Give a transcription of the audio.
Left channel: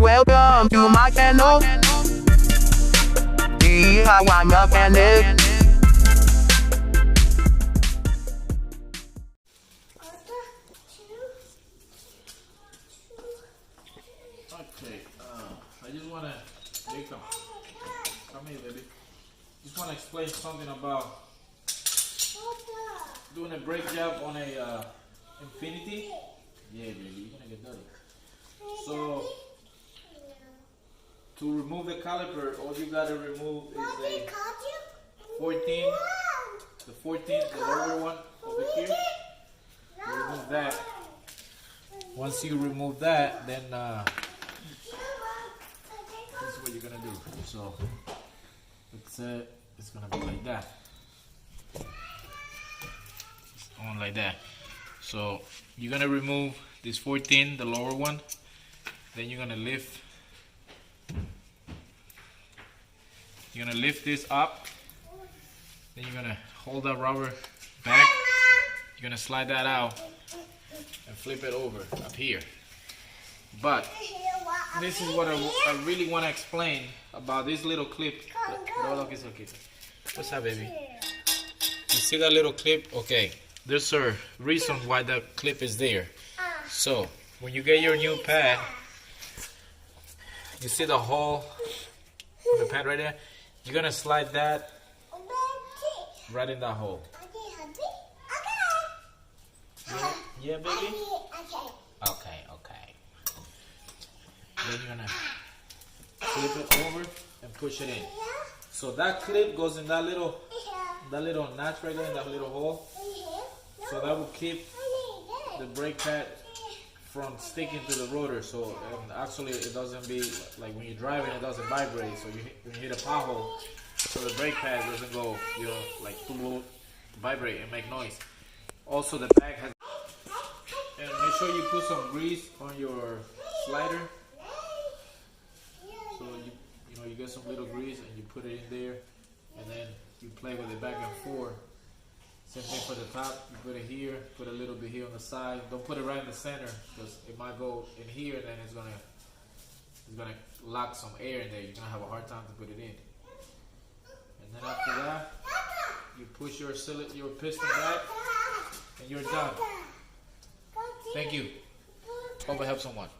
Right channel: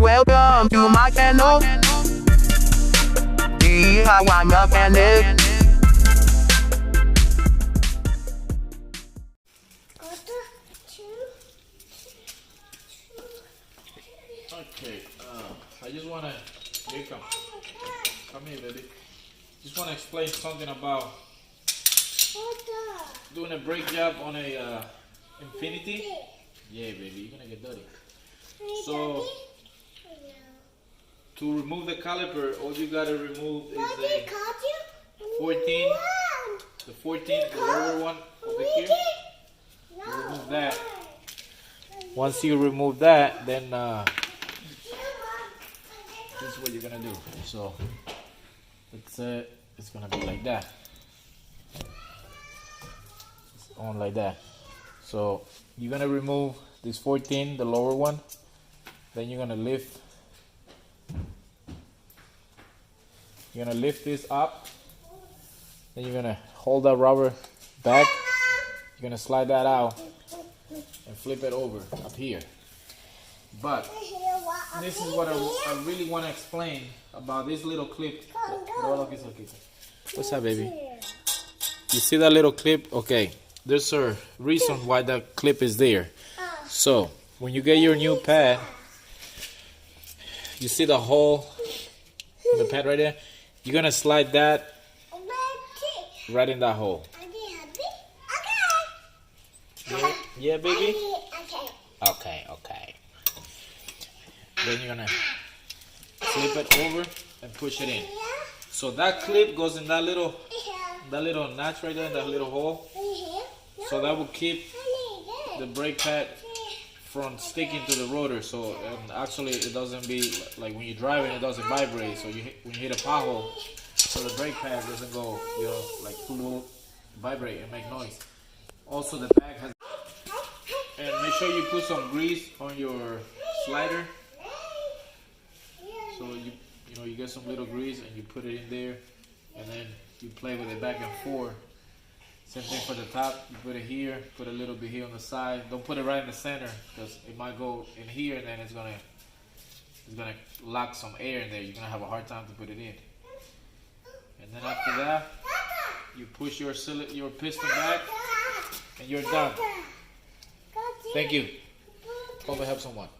Welcome to my channel. DIY mechanic. Okay, I just want to, here come here, baby. Just want to explain something about doing a brake job on a Infiniti. Yeah, baby, you're gonna get dirty. So, to remove the caliper, all you gotta remove is the 14, the lower one over here. You remove that. Once you remove that, then this is what you're gonna do. So it's gonna be like that. It's on like that. So you're gonna remove this 14, the lower one. Then you're gonna lift. You're gonna lift this up. Then you're gonna hold that rubber back. You're gonna slide that out and flip it over up here. But this is what I really want to explain about this little clip. What's that, baby? You see that little clip? Okay, there's a reason why that clip is there. So when you get your new pad, you see the hole in the pad right there? You're gonna slide that right in that hole. Yeah, baby? Okay. Then you're gonna flip it over and push it in. So that clip goes in that little notch right there, in that little hole. So that will keep the brake pad from sticking to the rotor. So actually it doesn't be like when you're driving, it doesn't vibrate. So when you hit a pothole, so the brake pad doesn't go, like vibrate and make noise. Also the bag has, and make sure you put some grease on your slider. So you get some little grease and you put it in there, and then you play with it back and forth. Same thing for the top. You put it here, put a little bit here on the side. Don't put it right in the center because it might go in here, and then it's gonna lock some air in there. You're gonna have a hard time to put it in. And then after that, you push your piston back, and you're done. Thank you. Hope I help someone.